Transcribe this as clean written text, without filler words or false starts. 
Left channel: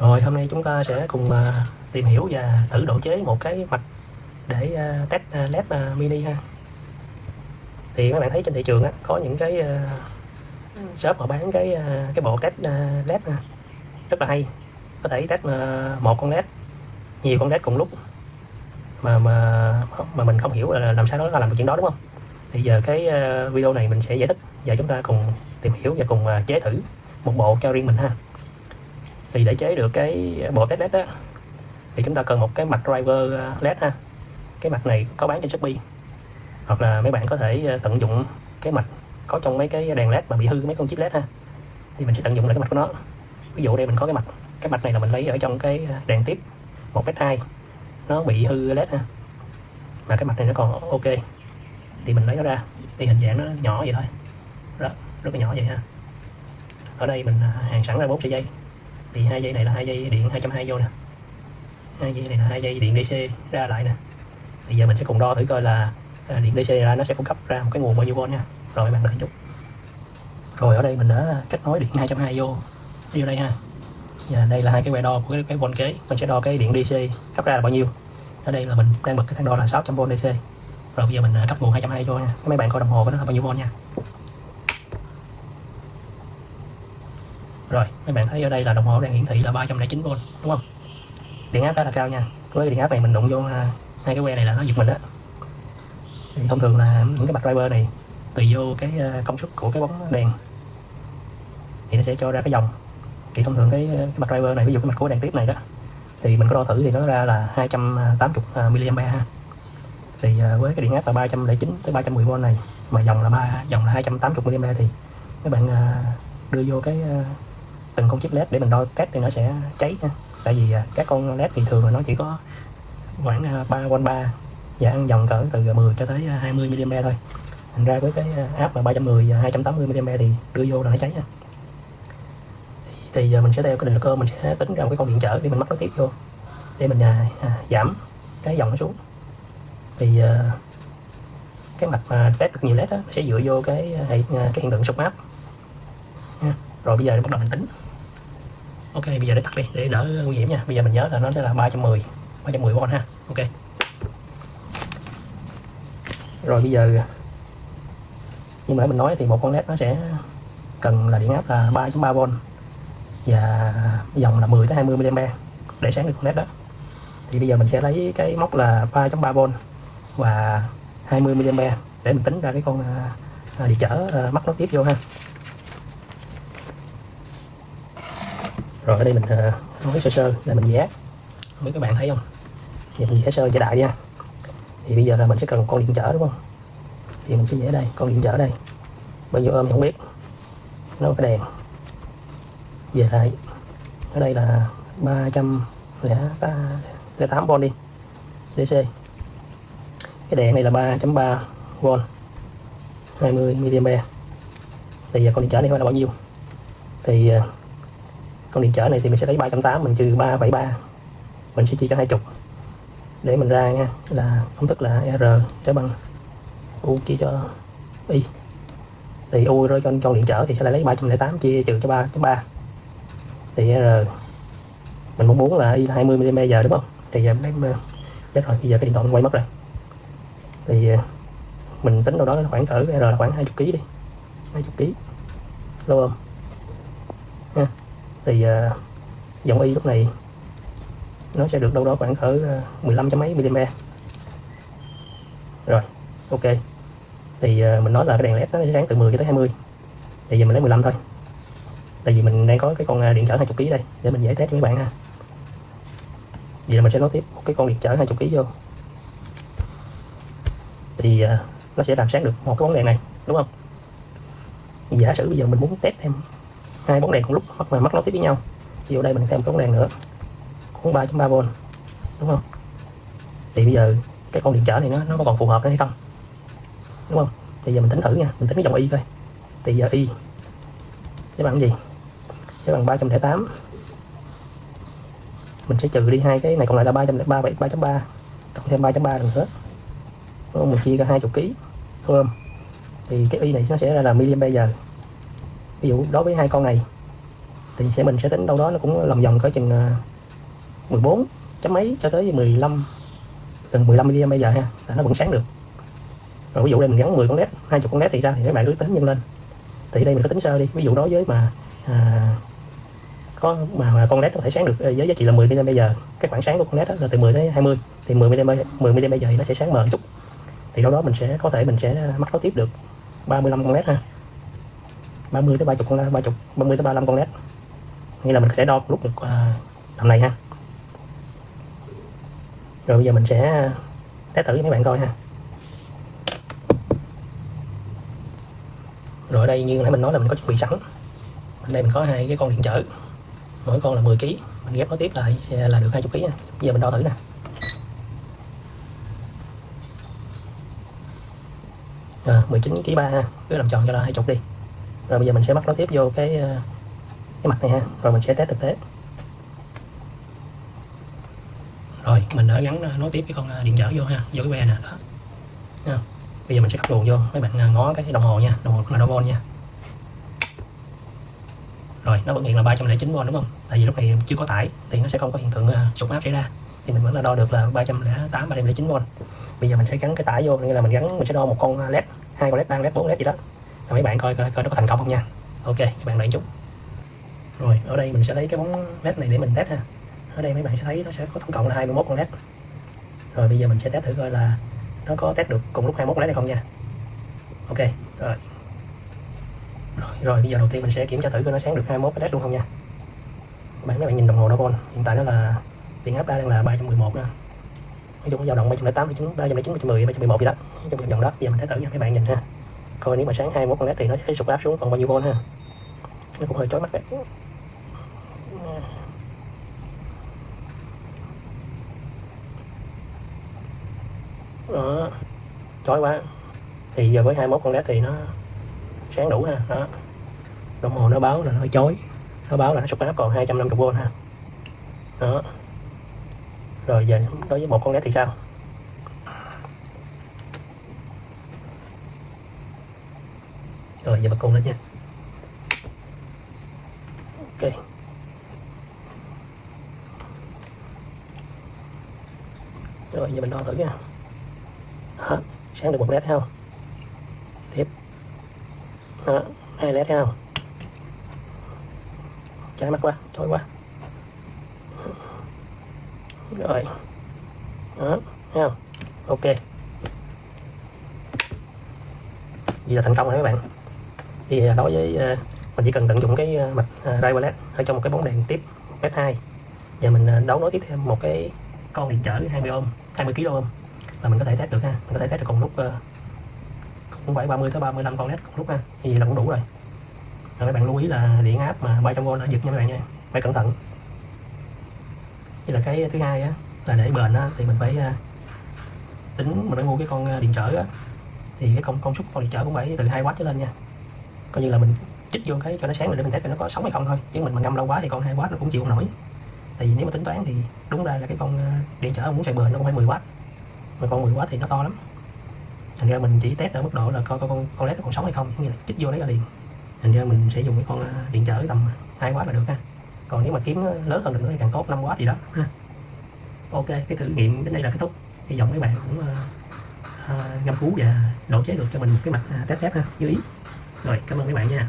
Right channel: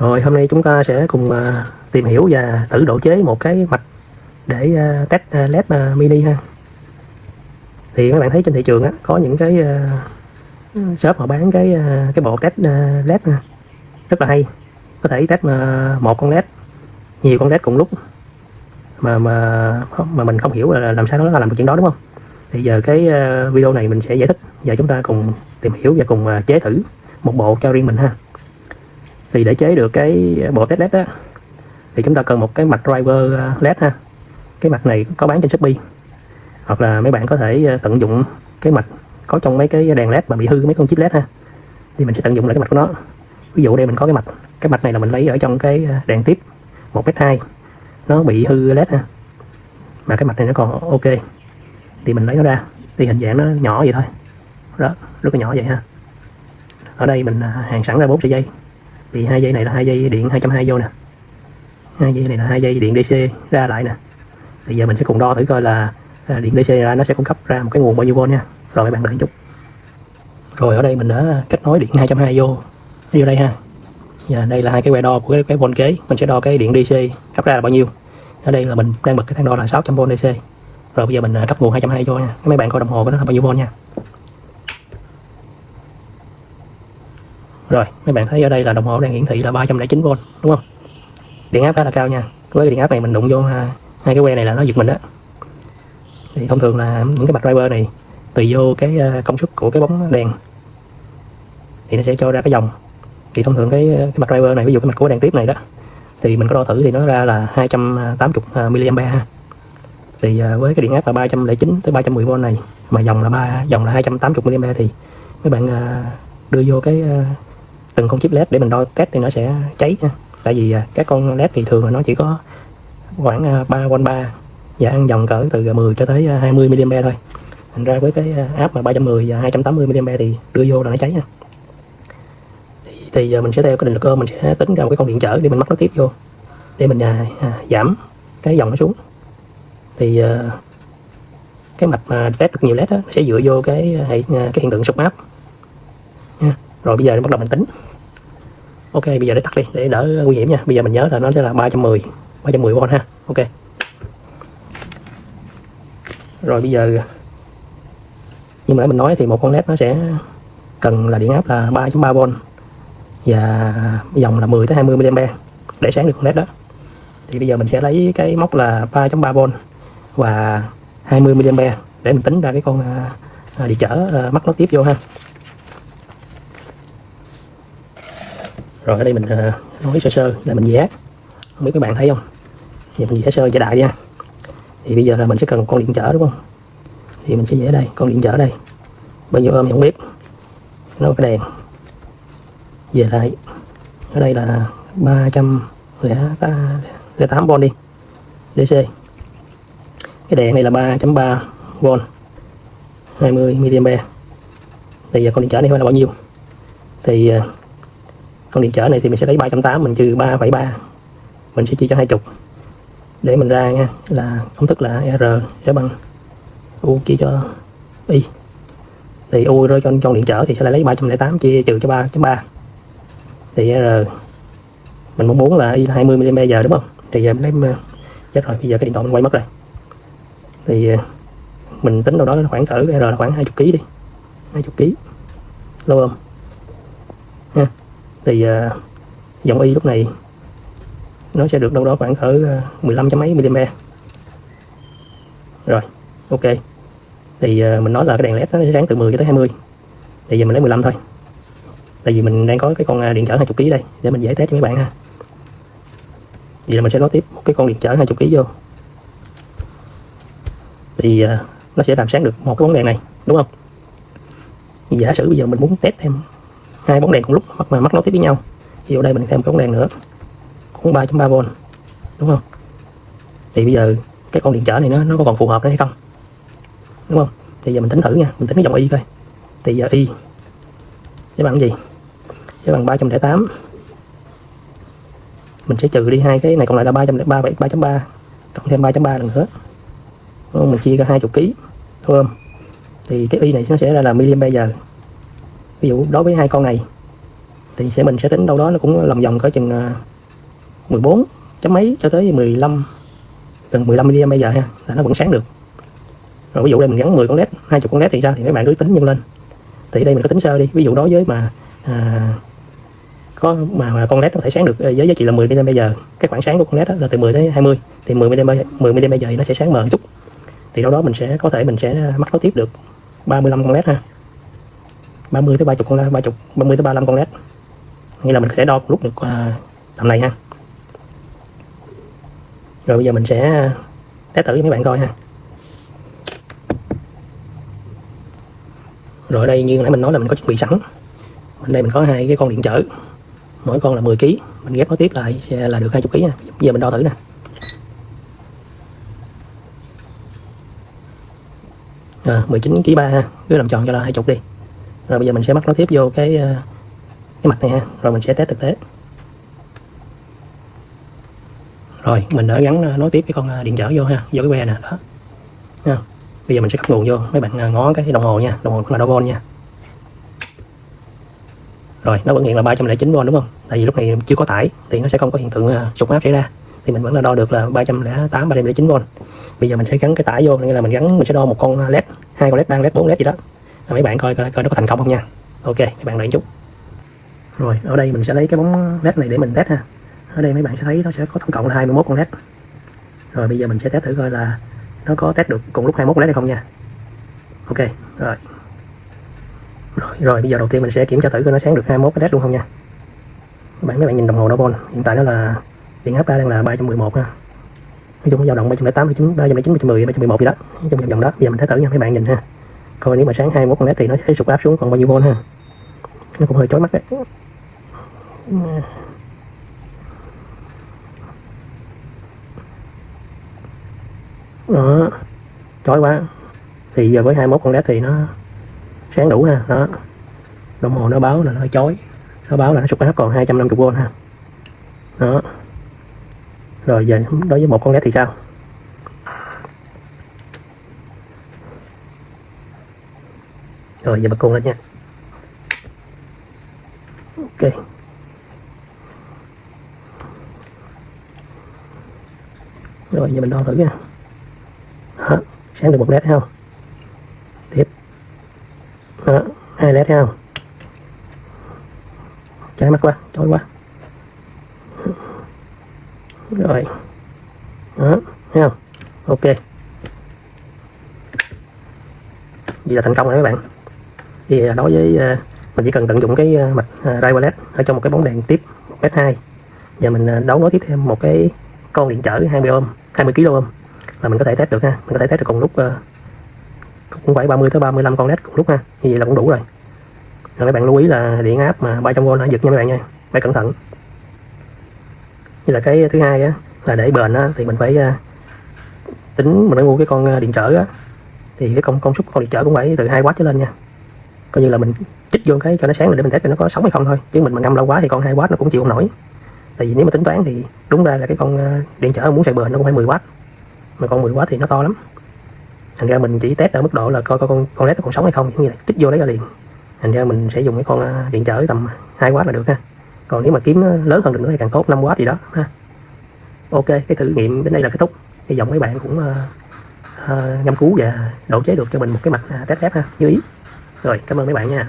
Rồi hôm nay chúng ta sẽ cùng tìm hiểu và thử độ chế một cái mạch để test LED mini ha. Thì các bạn thấy trên thị trường á, có những cái shop họ bán cái bộ test LED ha, rất là hay. Có thể test một con LED, nhiều con LED cùng lúc mà mình không hiểu là làm sao nó làm được chuyện đó, đúng không? Thì giờ cái video này mình sẽ giải thích và chúng ta cùng tìm hiểu và cùng chế thử một bộ cho riêng mình ha. Thì để chế được cái bộ test LED á, thì chúng ta cần một cái mạch driver LED ha. Cái mạch này có bán trên Shopee, hoặc là mấy bạn có thể tận dụng cái mạch có trong mấy cái đèn LED mà bị hư mấy con chip LED ha. Thì mình sẽ tận dụng lại cái mạch của nó. Ví dụ đây mình có cái mạch này là mình lấy ở trong cái đèn tiếp 1m2, nó bị hư LED ha, mà cái mạch này nó còn ok thì mình lấy nó ra. Thì hình dạng nó nhỏ vậy thôi đó, rất là nhỏ vậy ha. Ở đây mình hàn sẵn ra 4 sợi dây. Thì hai dây này là hai dây điện 220V nè, hai dây này là hai dây điện DC ra lại nè. Thì giờ mình sẽ cùng đo thử coi là điện DC ra nó sẽ cung cấp ra một cái nguồn bao nhiêu V nha. Rồi mấy bạn đợi chút. Rồi ở đây mình đã kết nối điện 220V vô đây ha. Và đây là hai cái que đo của cái vôn kế. Mình sẽ đo cái điện DC cấp ra là bao nhiêu. Ở đây là mình đang bật cái thang đo là 600V DC. Rồi bây giờ mình cấp nguồn 220V nha. Mấy bạn coi đồng hồ của nó là bao nhiêu V nha. Rồi mấy bạn thấy ở đây là đồng hồ đang hiển thị là 309V, đúng không? Điện áp khá là cao nha. Với cái điện áp này mình đụng vô hai cái que này là nó giật mình đó. Thì thông thường là những cái mạch driver này tùy vô cái công suất của cái bóng đèn thì nó sẽ cho ra cái dòng. Thì thông thường cái mạch driver này, ví dụ cái mạch của đèn tiếp này đó, thì mình có đo thử thì nó ra là 280 mA ha. Thì với cái điện áp là 309 tới 310V này, mà dòng là 280 mA, thì các bạn đưa vô cái từng con chip LED để mình đo test thì nó sẽ cháy nha. Tại vì các con LED thì thường là nó chỉ có khoảng 3V3 và ăn dòng cỡ từ 10 cho tới 20 mA thôi. Thành ra với cái áp mà 310 và 280 mA thì đưa vô là nó cháy nha. Thì giờ mình sẽ theo cái định lực ôm, mình sẽ tính ra một cái con điện trở để mình mắc nó tiếp vô để mình giảm cái dòng nó xuống. Thì cái mạch mà test được nhiều LED đó, sẽ dựa vô cái hiện tượng sụp áp nha. Rồi bây giờ bắt đầu mình tính. Ok, bây giờ để tắt đi để đỡ nguy hiểm nha. Bây giờ mình nhớ là nó sẽ là 310V ha. Ok. Rồi bây giờ như nãy mình nói thì một con LED nó sẽ cần là điện áp là 3.3V và dòng là 10 tới 20 mA để sáng được con LED đó. Thì bây giờ mình sẽ lấy cái mốc là 3.3V và 20 mA để mình tính ra cái con điện trở mắc nó tiếp vô ha. Rồi ở đây mình nói sơ sơ là mình vẽ, không biết các bạn thấy không. Thì mình vẽ sơ vẽ đại nha. Thì bây giờ là mình sẽ cần một con điện trở, đúng không? Thì mình sẽ vẽ đây, con điện trở đây bao nhiêu ôm thì không biết. Nó cái đèn về lại ở đây là 308V đi DC. Cái đèn này là 3.3V 20 mA. Thì giờ con điện trở này là bao nhiêu? Thì con điện trở này thì mình sẽ lấy 380 mình trừ 3,3, mình sẽ chia cho 20 để mình ra nha, là công thức là R sẽ bằng U chia cho Y. Thì U rơi cho con điện trở thì sẽ lấy 308 chia trừ cho 3.3, thì R mình muốn là Y là 20 mA giờ, đúng không? Thì giờ mình lấy chết rồi, bây giờ cái điện thoại mình quay mất rồi. Thì mình tính đâu đó khoảng cỡ R là khoảng 20 kg đi, 20 kg lâu không nha. Thì dòng Y lúc này nó sẽ được đâu đó khoảng cỡ 15 mấy mA. Rồi ok. Thì mình nói là cái đèn LED nó sẽ sáng từ 10 cho tới 20, thì giờ mình lấy 15 thôi. Tại vì mình đang có cái con điện trở 20 kg đây để mình dễ test cho các bạn ha. Vậy là mình sẽ nói tiếp cái con điện trở 20 kg vô. Thì nó sẽ làm sáng được một cái bóng đèn này, đúng không? Thì giả sử bây giờ mình muốn test thêm hai bóng đèn cùng lúc hoặc mà mắc nối tiếp với nhau, thì ở đây mình thêm một bóng đèn nữa cũng 3.3V, đúng không? Thì bây giờ cái con điện trở này nó có còn phù hợp hay không, đúng không? Thì giờ mình tính thử nha, mình tính cái dòng Y coi. Thì giờ Y sẽ bằng gì? Sẽ bằng 308, mình sẽ trừ đi hai cái này còn lại là 3.3 cộng thêm 3.3 lần nữa, đúng không? Mình chia ra 20 kg, đúng không? Thì cái Y này nó sẽ ra là mAh. Ví dụ đối với hai con này thì mình sẽ tính đâu đó là cũng lòng vòng cỡ chừng 14 chấm mấy cho tới 15, gần 15 mA bây giờ ha, là nó vẫn sáng được. Rồi ví dụ đây mình gắn 10 con led, 20 con led thì sao, thì các bạn cứ tính nhân lên. Thì đây mình có tính sơ đi, ví dụ đối với mà có mà con led có thể sáng được với giá trị là 10 mA, cái khoảng sáng của con led là từ 10 tới 20, thì 10 mA thì nó sẽ sáng mờ một chút. Thì đâu đó mình sẽ mắc nối tiếp được 35 con led ha, 30 tới 30 con led, 30 tới 35 con led, nghĩa là mình sẽ đo lúc được tầm này ha. Rồi bây giờ mình sẽ test thử với mấy bạn coi ha. Rồi ở đây như nãy mình nói là mình có chuẩn bị sẵn, ở đây mình có 2 cái con điện trở, mỗi con là 10 kg, mình ghép nối tiếp lại sẽ là được 20 kg nha. Bây giờ mình đo thử nè. 19 kg 3 ha, cứ làm tròn cho là 20 đi. Rồi bây giờ mình sẽ mắc nối tiếp vô cái mặt này ha, rồi mình sẽ test thực tế. Rồi mình đã gắn nối tiếp cái con điện trở vô ha, vô cái que nè đó. Ha. Bây giờ mình sẽ cắm nguồn vô, mấy bạn ngó cái đồng hồ nha, đồng hồ cũng là đo volt nha. Rồi nó vẫn hiện là 309V đúng không? Tại vì lúc này chưa có tải thì nó sẽ không có hiện tượng sụt áp xảy ra, thì mình vẫn là đo được là 308, 309V. Bây giờ mình sẽ gắn cái tải vô, nghĩa là mình sẽ đo một con led, 2 con led, 3 led, 4 led gì đó. Rồi mấy bạn coi nó có thành công không nha. Ok, các bạn đợi chút. Rồi ở đây mình sẽ lấy cái bóng led này để mình test ha. Ở đây mấy bạn sẽ thấy nó sẽ có tổng cộng là 21 con led. Rồi bây giờ mình sẽ test thử coi là nó có test được cùng lúc 21 led hay không nha. Ok, rồi bây giờ đầu tiên mình sẽ kiểm tra thử coi nó sáng được 21 cái led luôn không nha. Mấy bạn nhìn đồng hồ đo volt, hiện tại nó là điện áp đang là 311 ha. Nói chung dao động 308, 309, 310, 311 gì đó, nói chung vòng đó. Bây giờ mình test thử nha, mấy bạn nhìn ha. Coi nếu mà sáng 21 con led thì nó sẽ sụt áp xuống còn bao nhiêu volt ha. Nó cũng hơi chói mắt đấy. Đó, chói quá. Thì giờ với 21 con led thì nó sáng đủ ha. Đó, đồng hồ nó báo là nó hơi chói, nó báo là nó sụt áp còn 250V ha. Đó. Rồi giờ đối với một con led thì sao? Rồi giờ bật cuồng lên nha. Ok. Rồi giờ mình đo thử nha. Đó, sáng được một led thấy không? Tiếp. Đó, 2 led thấy không? Cháy mắt quá, chói quá. Rồi. Đó, thấy không? Ok. Vậy là thành công rồi các bạn. Thì đối với mình chỉ cần tận dụng cái mạch driver led ở trong một cái bóng đèn tiếp S2, và mình đấu nối tiếp thêm một cái con điện trở 20 kg là mình có thể test được ha. Mình có thể test được cùng lúc cũng phải 30 tới 35 con led cùng lúc ha. Như vậy là cũng đủ rồi. Rồi các bạn lưu ý là điện áp mà 300V nó giật nha các bạn nha, phải cẩn thận. Như là cái thứ hai á, là để bền á, thì mình phải tính, mình phải mua cái con điện trở á, thì cái công suất con điện trở cũng phải từ 2W trở lên nha. Coi như là mình chích vô cái cho nó sáng để mình test nó có sống hay không thôi, chứ mình ngâm lâu quá thì con 2W nó cũng chịu không nổi. Tại vì nếu mà tính toán thì đúng ra là cái con điện trở muốn xài bền nó cũng phải 10W, mà con 10W thì nó to lắm. Thành ra mình chỉ test ở mức độ là coi con led nó còn sống hay không, như là chích vô đấy là liền. Thành ra mình sẽ dùng cái con điện trở tầm 2W là được ha. Còn nếu mà kiếm nó lớn hơn được nữa thì càng tốt, 5W gì đó ha. Ok, cái thử nghiệm đến đây là kết thúc. Hy vọng mấy bạn cũng ngâm cứu và độ chế được cho mình một cái mạch test phép ha, như ý. Rồi, cảm ơn mấy bạn nha.